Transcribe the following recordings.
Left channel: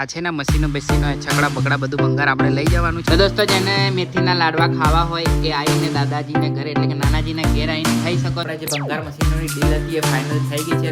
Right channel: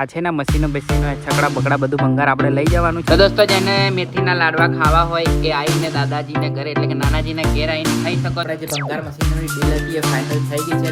આ છે ને મશીનો બેસીનો છકડા બકડા બધું ભંગાર આપણે લઈ જવાનું છે. તો દોસ્તો જેને મેથીના લાડવા ખાવા હોય એ આવીને દાદાજીને ઘરે એટલે કે નાનાજીને ઘેર આવીને ખાઈ શકો. જે ભંગાર મશીનોની ડીલ હતી એ ફાઇનલ થઈ ગઈ છે.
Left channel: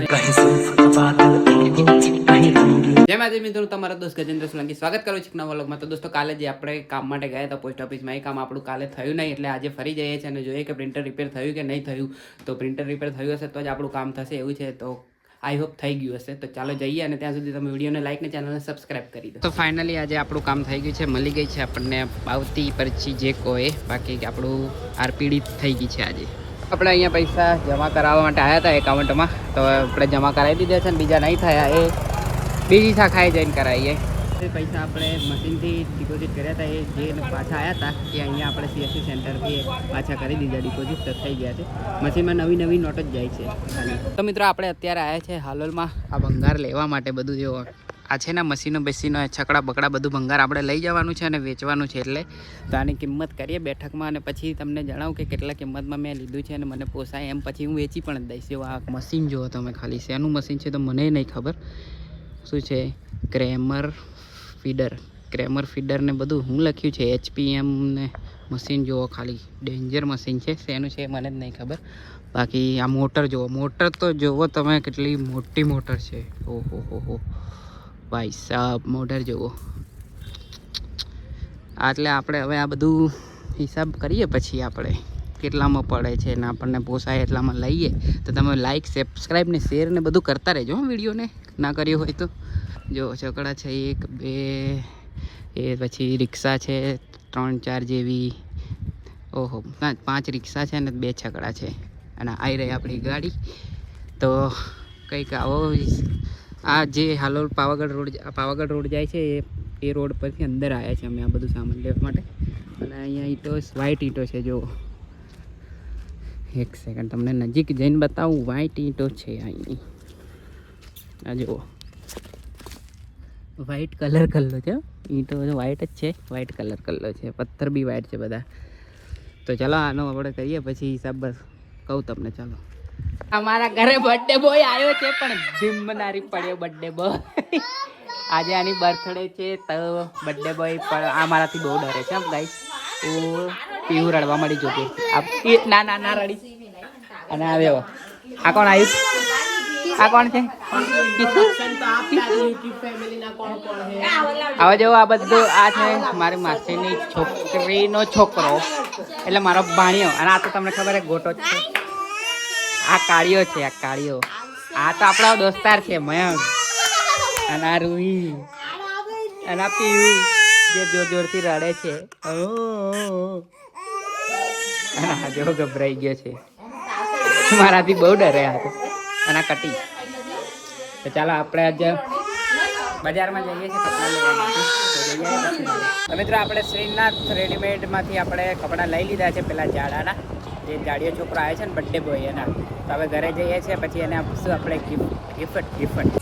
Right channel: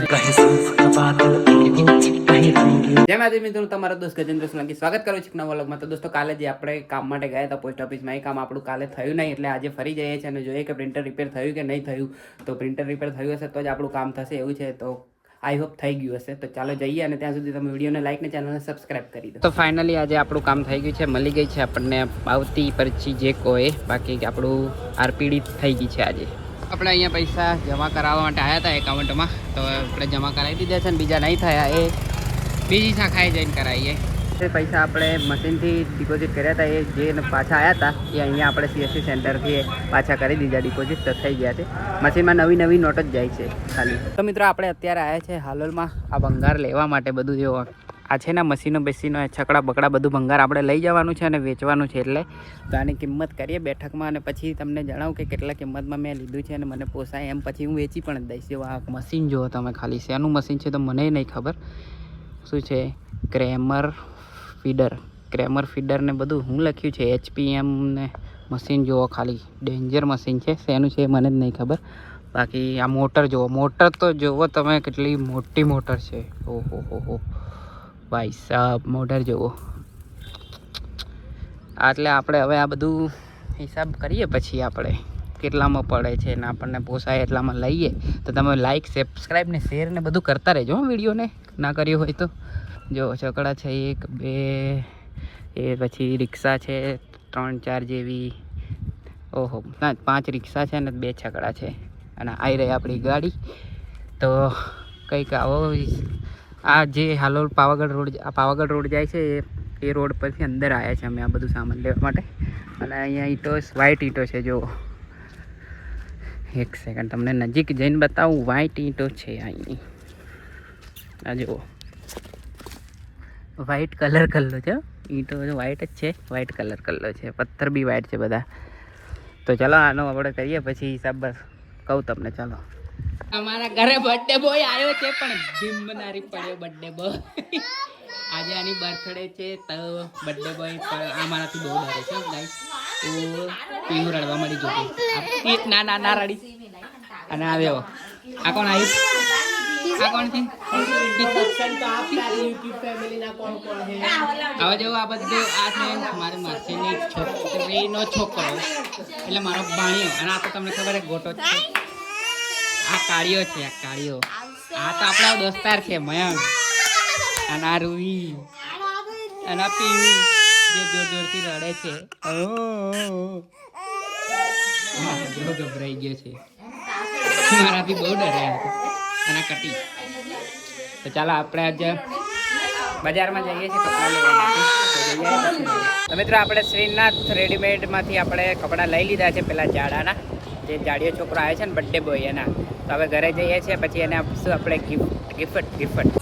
જય માતાજી મિત્રો, તમારા દોસ્ત ગજેન્દ્ર સોલંકી સ્વાગત કરું છું નવા વ્લોગમાં. તો દોસ્તો કાલે જે આપણે કામ માટે ગયા હતા પોસ્ટ ઓફિસમાં, એ કામ આપણું કાલે થયું નહીં, એટલે આજે ફરી જઈએ છીએ અને જોઈએ કે પ્રિન્ટર રિપેર થયું કે નહીં થયું. તો પ્રિન્ટર રિપેર થયું હશે તો જ આપણું કામ થશે એવું છે. તો આઈ હોપ થઈ ગયું હશે. તો ચાલો જઈએ અને ત્યાં સુધી તમે વિડીયોને લાઈક ને ચેનલને સબસ્ક્રાઇબ કરી દો. તો ફાઇનલી આજે આપણું કામ થઈ ગયું છે, મળી ગઈ છે આપણને પાવતી પરચી જે કોઈ, બાકી આપણું આરપીડી થઈ ગઈ છે. આજે આપણે અહીંયા પૈસા જમા કરાવવા માટે આવ્યા હતા એકાઉન્ટમાં, તો આપણે જમા કરાવી દીધા છે. બીજા નહીં થયા એ બીજી શાખાએ જઈને કરાવીએ. એ પૈસા આપણે મશીનથી ડિપોઝિટ કર્યા હતા, એ જે પાછા આવ્યા હતા એ અહીંયા આપણે CSC સેન્ટરથી પાછા કરી દીધા ડિપોઝિટ. તો થઈ ગયા છે. મશીનમાં નવી નવી નોટ જ જાય છે ખાલી. તો મિત્રો આપણે અત્યારે આવ્યા છે હાલોલમાં આ ભંગાર લેવા માટે. બધું જો આ છે ને મશીનો બેસીનો છકડા બકડા બધું ભંગાર આપણે લઈ જવાનું છે અને વેચવાનું છે. એટલે તો આની કિંમત કરીએ બેઠકમાં અને પછી તમને જણાવું કે કેટલા કિંમતમાં મેં લીધું છે અને મને પોસાય એમ પછી હું વેચી પણ દઈશ. જો આ મશીન જુઓ તમે ખાલી, શેનું મશીન છે તો મને નહીં ખબર શું છે. ક્રેમર ફીડર ને બધું હું લખ્યું છે. HPM ને મશીન જુઓ ખાલી, ડેન્જર મશીન છે. શેનું છે એ મને જ નહીં ખબર. બાકી આ મોટર જુઓ, મોટર તો જુઓ તમે કેટલી મોટી મોટર છે. ઓહો હો ભાઈ સાહેબ, મોટર જુઓ. એટલે આપણે હવે આ બધું હિસાબ કરીએ પછી આપણે કેટલામાં પડે છે ને આપણને પોસાય એટલામાં લઈએ. તો તમે લાઈક સબસ્ક્રાઈબ ને શેર ને બધું કરતા રહેજો વિડીયોને, ના કર્યું હોય તો. જો છકડા છે 1 2, એ પછી રિક્ષા છે 3 4 જેવી. ઓહો ના, 5 રિક્ષા છે ને 2 છકડા છે. અને આવી રહી આપણી ગાડી. તો કંઈક આવો આ જે હાલોલ પાવાગઢ રોડ જાય છે એ રોડ પરથી અંદર આવ્યા છે અમે આ બધું સામાન લેવા માટે. અને અહીંયા ઈંટો, વ્હાઈટ ઈંટો છે. જો એક સેકન્ડ તમને નજીક જઈને બતાવું. વ્હાઈટ ઈંટો છે અહીં, આ જુઓ વ્હાઈટ કલર છે. ઈંટો વ્હાઈટ જ છે, વ્હાઈટ કલર છે. પથ્થર બી વ્હાઈટ છે બધા. તો ચાલો આનો આપણે કરીએ પછી હિસાબ. બસ કહું તમને. ચાલો, અમારા ઘરે બર્થડે બોય આવ્યો છે, પણ ધીમનારી પડ્યો બર્થડે બોય. આજે આની બર્થડે છે તો બર્થડે બોય પણ આ મારાથી બહુ ડરે છે ગાઈસ. હું પીવું રડવા મળી જોતી. ના રડી. અને આવ્યો આ કોણ આવ્યું? આ કોણ છે? હવે જો આ બધું આ છે મારી માસીની છોકરીનો છોકરો, એટલે મારો ભાણિયો. અને આ તો તમને ખબર છે ગોટો જ છે. આ કાળિયો છે, આ કાળિયો. આ તો આપણા દોસ્તાર છે મયંક. અને આ રૂહી અને આ પીવું જે જોર જોરથી રડે છે. જો ગભરાઈ ગયો છે, મારાથી બહુ ડરે હતો. અને આ કટી. તો ચાલો આપણે આજે બજારમાં જઈએ છીએ કપડાં લેવા માટે. તો મિત્રો આપણે શ્રીનાથ રેડીમેડમાંથી આપણે કપડાં લઈ લીધા છે પેલા જાડાના, જે જાડિયો છોકરો આવે છે ને બર્થડે બોય એના. તો હવે ઘરે જઈએ છીએ પછી એને આપશું આપણે ગિફ્ટ.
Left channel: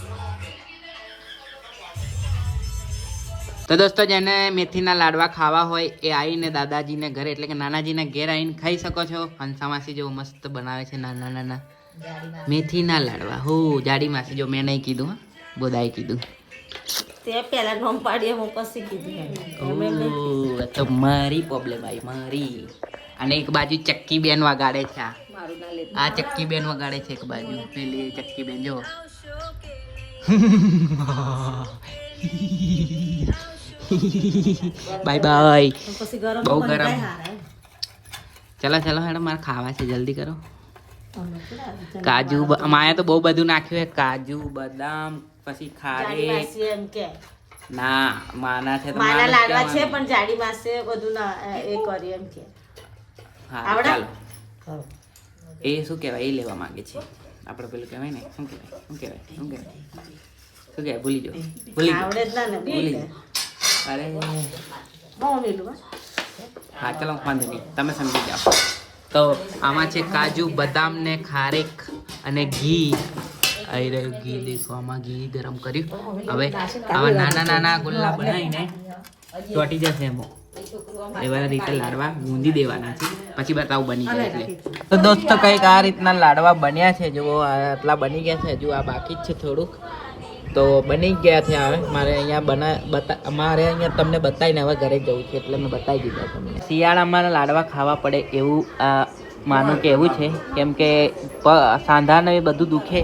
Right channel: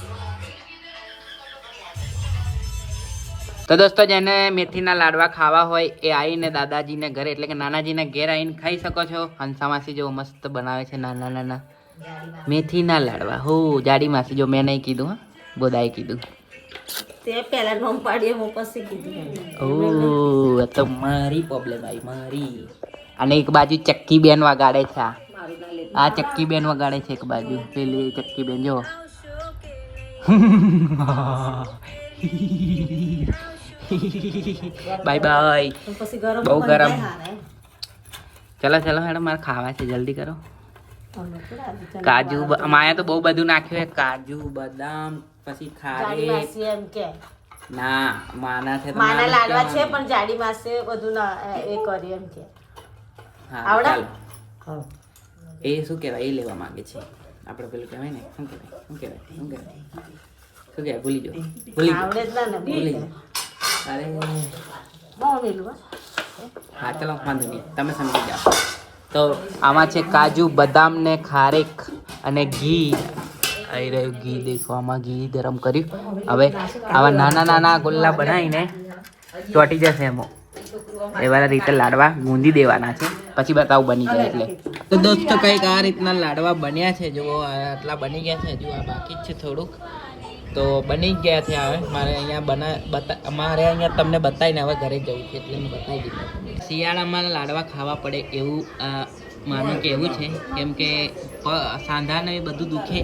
તો દોસ્તો જેને મેથીના લાડવા ખાવા હોય એ આવીને દાદાજીને ઘરે એટલે કે નાનાજીને ઘેર આવીને ખાઈ શકો છો. હંસા માસી જેવો મસ્ત બનાવે છે નાના મેથીના લાડવા. હો જાડી માસી, જો મેં નહીં કીધું, હા બોદાએ કીધું. તે પહેલા નોમ પાડીએ હું પછી કીધું. ઓ તો મારી પ્રોબ્લેમ આવી મારી. અને એક બાજુ ચક્કી બેન વગાડે છે. આ ચક્કી બેન વગાડે છે એક બાજુ. પેલી ચક્કી બેન જો. બાય. બહુ ગરમ. ચલો હેડો, મારે ખાવા છે, જલ્દી કરો. કાજુ માયા તો બહુ બધું નાખ્યું છે. કાજુ બદામ પછી ખારેક. ના માના છે તો માના લાડવા છે પણ જાડી માસે બધું એ કરી એમ કે. હા ચાલો. એ શું કહેવાય એ લેવા માંગે છે આપણે. પેલું કહેવાય ને શું કહેવાય ભૂલી જાઓ. અરે હા ચાલો વાંધો નહીં, તમે સમજી જાઓ. તો આમાં છે કાજુ બદામ ને ખારેક અને ઘી. આવી રહ્યું ઘી, દેખો આમાં ઘી ગરમ કર્યું. હવે આવા નાના ગોલ્લા બનાવીને ચોટી જશે એમાં. એવા રીતે લાડવા ગૂંદી દેવાના છે, પછી બતાવું બની જાય એટલે. તો દોસ્તો કંઈક આ રીતના લાડવા બન્યા છે. જુઓ આટલા બની ગયા છે, હજુ આ બાકી જ છે થોડુંક. તો બની ગયા છે હવે મારે અહીંયા અમારે અહીંયા તમને બતાવીને હવે ઘરે જવું છે એટલે મેં બતાવી દીધા તમને. શિયાળામાં લાડવા ખાવા પડે એવું માનું કે એવું છે, કેમ કે સાંધાને એ બધું દુખે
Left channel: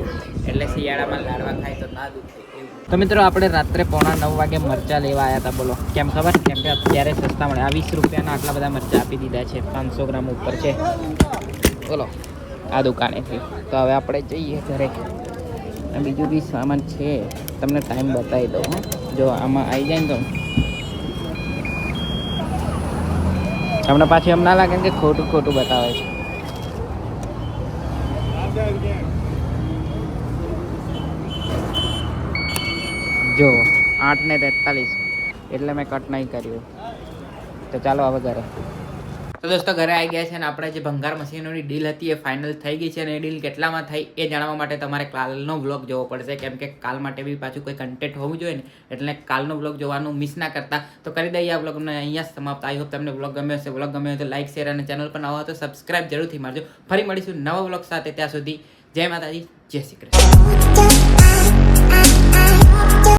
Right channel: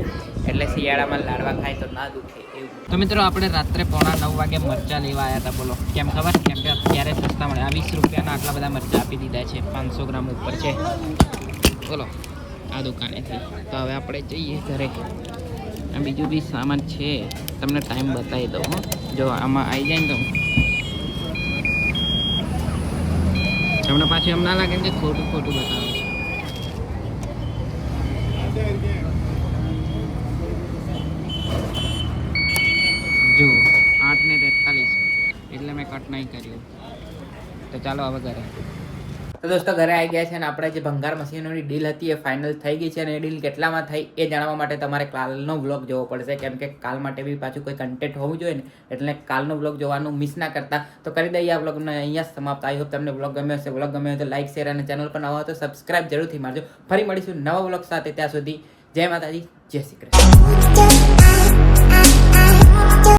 એટલે શિયાળામાં લાડવા ખાય તો ના દુખે એવું. તો મિત્રો આપણે રાત્રે 8:45 વાગે મરચાં લેવા આવ્યા હતા. બોલો કેમ ખબર? કેમ કે અત્યારે સસ્તા મળે. આ 20 રૂપિયાના આટલા બધા મરચાં આપી દીધા છે, 500 ગ્રામ ઉપર છે. બોલો આ દુકાનેથી. તો હવે આપણે જઈએ ઘરે. બીજું બી સામાન છે, તમને ટાઈમ બતાવી દઉં. જો આમાં આવી જાય ને તો તમને પાછું એમ ના લાગે કે ખોટું ખોટું બતાવે છે. જો 8:43 એટલે મેં કટ નહીં કર્યું. તો ચાલો હવે ઘરે. તો દોસ્તો ઘરે આવી ગયા છે અને આપણે જે ભંગાર મશીનોની ડીલ હતી એ ફાઇનલ થઈ ગઈ છે અને એ ડીલ કેટલામાં થઈ એ જાણવા માટે તમારે કાલનો વ્લોગ જોવો પડશે, કેમ કે કાલ માટે બી પાછું કોઈ કન્ટેન્ટ હોવું જોઈએ ને, એટલે કાલનો વ્લોગ જોવાનું મિસ ના કરતા. તો કરી દઈએ આ વ્લોગને અહીંયા સમાપ્ત. આઈ હોપ તમને વ્લોગ ગમ્યો હશે. વ્લોગ ગમ્યો હોય તો લાઈક, શેર અને ચેનલ પર નવા હોય તો સબસ્ક્રાઇબ જરૂરથી મારજો. ફરી મળીશું નવા વ્લોગ સાથે. ત્યાં સુધી જય માતાજી, જય શ્રી કૃષ્ણ.